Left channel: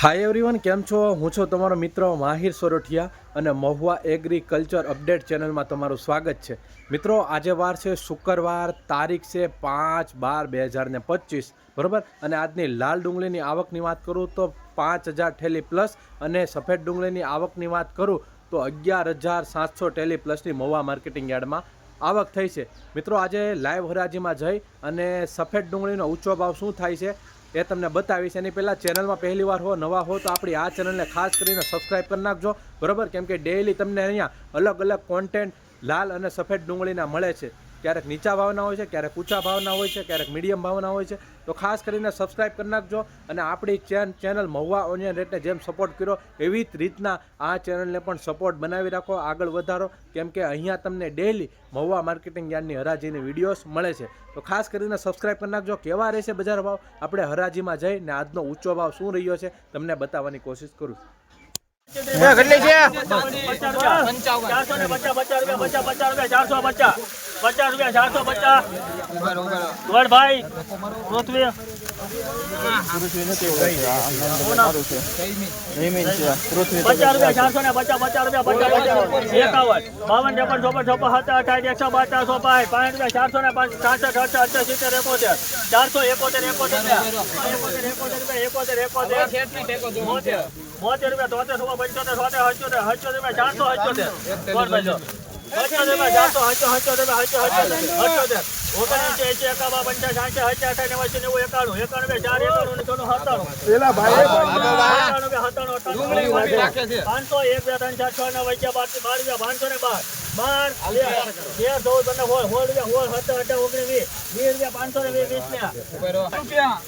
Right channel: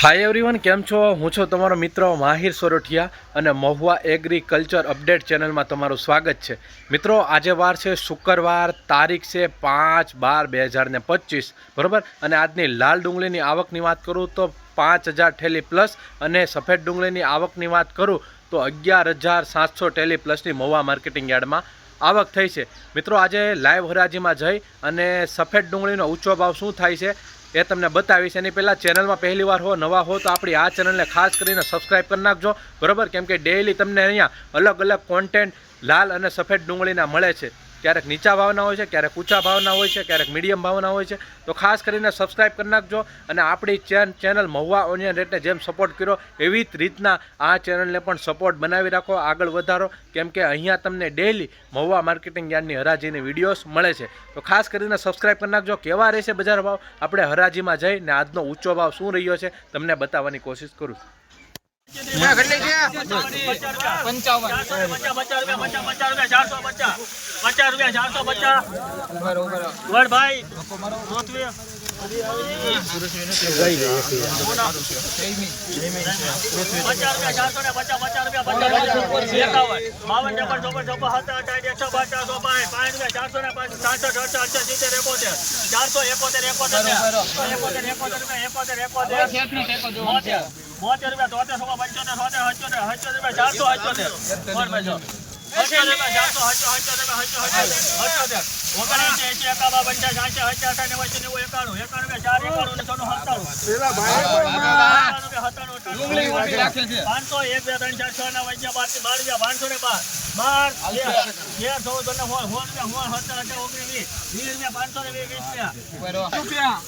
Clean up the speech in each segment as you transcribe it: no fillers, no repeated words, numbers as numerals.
Hi everyone, કેમ છો? હું છું તમારો મિત્ર માહિર સોરઠિયા અને મહુવા એગ્રીકલ્ચર અપડેટ ચેનલમાં તમારું સ્વાગત છે. મિત્રો, આજે વાર છે શુક્રવાર, તારીખ છે 5/12/2025, બરાબર. અને આજની લાલ ડુંગળીની આવકની વાત કરું તો 5000 ઠેલી પ્લસ, અને સફેદ ડુંગળીની આવકની વાત કરું તો 11700 ઠેલી પ્લસની મહુવા માર્કેટિંગ યાર્ડમાં આવક થઈ છે. મિત્રો, આજે લાઈવ હરાજીમાં જઈ અને સફેદ ડુંગળીનો ઊંચો ભાવ શું થાય છે એ તમને બતાવીશ. એની પહેલાં ચેનલમાં પહેલી વાર હો, નવા હો, તો આપણી આ ચેનલને ખાસ કરીને સબસ્ક્રાઈબ કરી નાખજો, બરાબર. કેમ કે ડેઈલી તમને અહીંયા અલગ અલગ કોન્ટેન્ટ લાલ અને સફેદ ડુંગળીના મળે છે. ક્યારેક નીચા ભાવના હોય છે, ક્યારેક ઊંચા ભાવના હોય છે, ક્યારેક મીડિયમ ભાવના હોય છે. તો ખાસ કરીને સબસ્ક્રાઈબ કરી નાખજો. અને આપણી ચેનલ મહુવા ઓનિયન રેટને જેમ સપોર્ટ કર્યો એવી જ રીતના આ ચેનલને પણ સપોર્ટ બનાવી રાખો, આગળ વધારો. કેમ કે અહીંયા તમને ડેઈલી મહુવા માર્કેટિંગ યાર્ડની હરાજીની વિડીયોઝ મળે છે. તો ખાસ કરીને સબસ્ક્રાઈબ કરી નાખજો. કેવા રહેશે બજાર ભાવ, આપણે હરાજીમાં જઈને આજનો ઊંચો ભાવ શું રહ્યો છે તમને બતાવવાની કોશિશ કરું.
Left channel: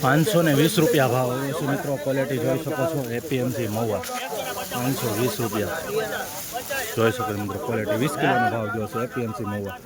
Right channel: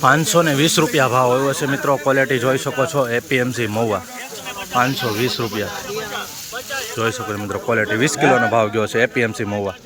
₹520 ભાવ આવ્યો છે મિત્રો. ક્વોલિટી જોઈ શકો છો, એપીએમસી મહુવા ₹520 જોઈ શકો છો મિત્રો. ક્વોલિટી 20 કિલોનો ભાવ ગયો છે એપીએમસી મહુવા.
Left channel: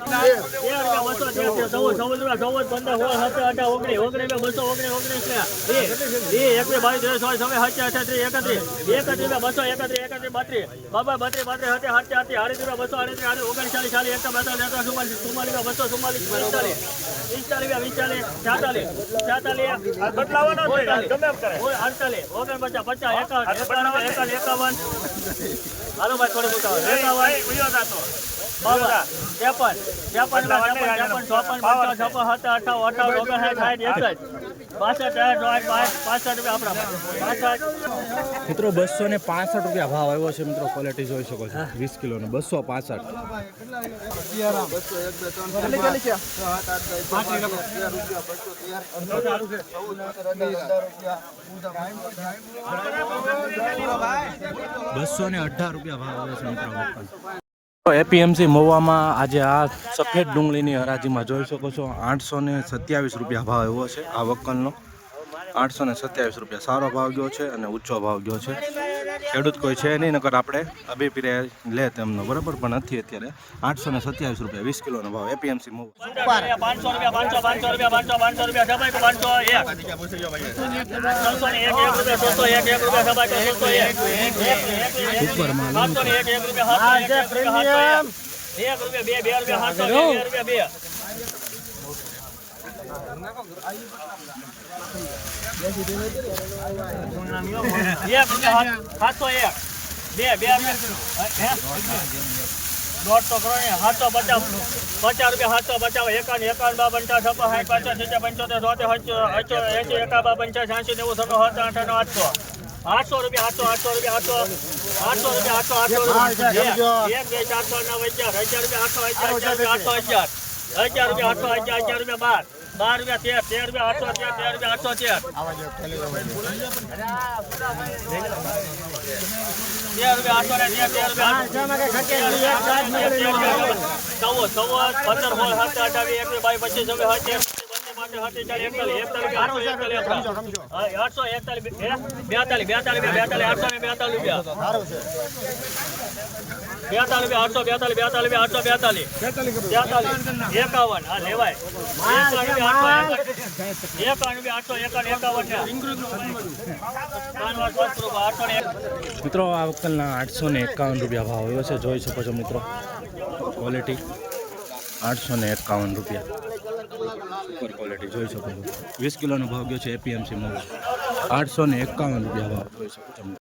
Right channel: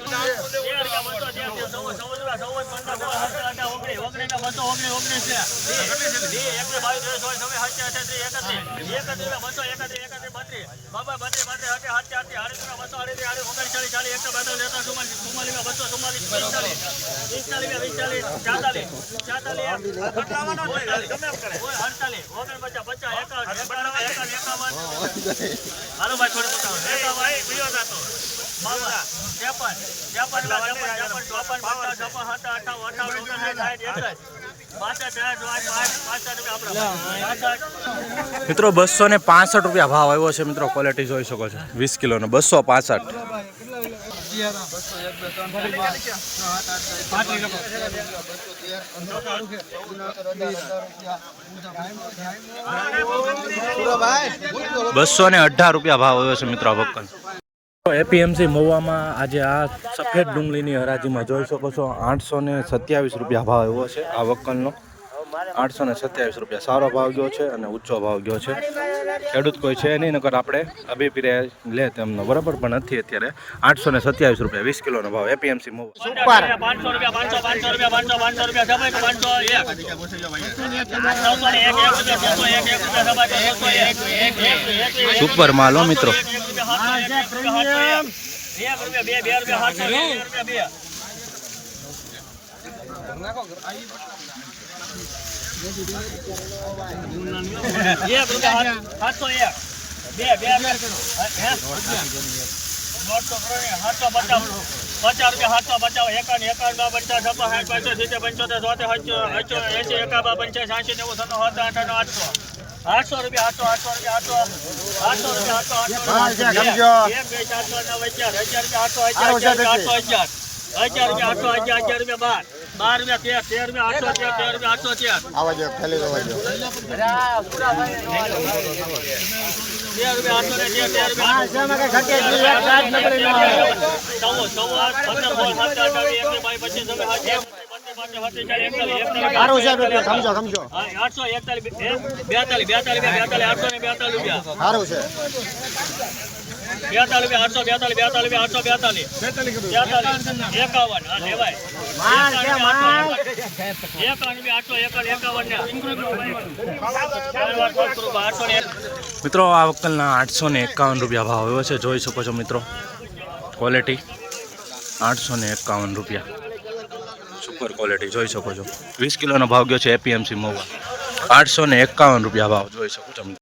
મિત્રો, ₹265 ભાવ આવ્યો છે મિત્રો. ક્વોલિટી જોઈ શકો છો, 20 કિલોનો 265. ₹218 ભાવ આવ્યો છે મિત્રો આ વક્કલ. એપીએમસી મહુવામાં આજે આ સફેદ ડુંગળીની હરાજીમાં જોઈ શકો છો, ₹827 ભાવ આવ્યો છે આ વક્કલનો. ₹827 સારો ભાવ ગયો છે અને ઊંચો ભાવ ગયો છે. ખેડૂત કોઈ છે નહીં, નકર આપણે અભિપ્રે લે તેમનો, બરાબર, પણ નથી અત્યારે. ₹827 20 કિલોનો ભાવ એપીએમસી મહુવા. સુપર માલ હો મિત્રો. મિત્રો આ વક્કલના ₹851 ભાવ આવ્યો છે, જોઈ શકો છો મિત્રો. ક્વોલિટી ₹851 સુપર ક્વોલિટી જોઈ શકો છો. 20 કિલોનો ભાવ ગયો છે એપીએમસી મહુવા. 851 રૂપિયા ભાવ જોઈ શકો છો.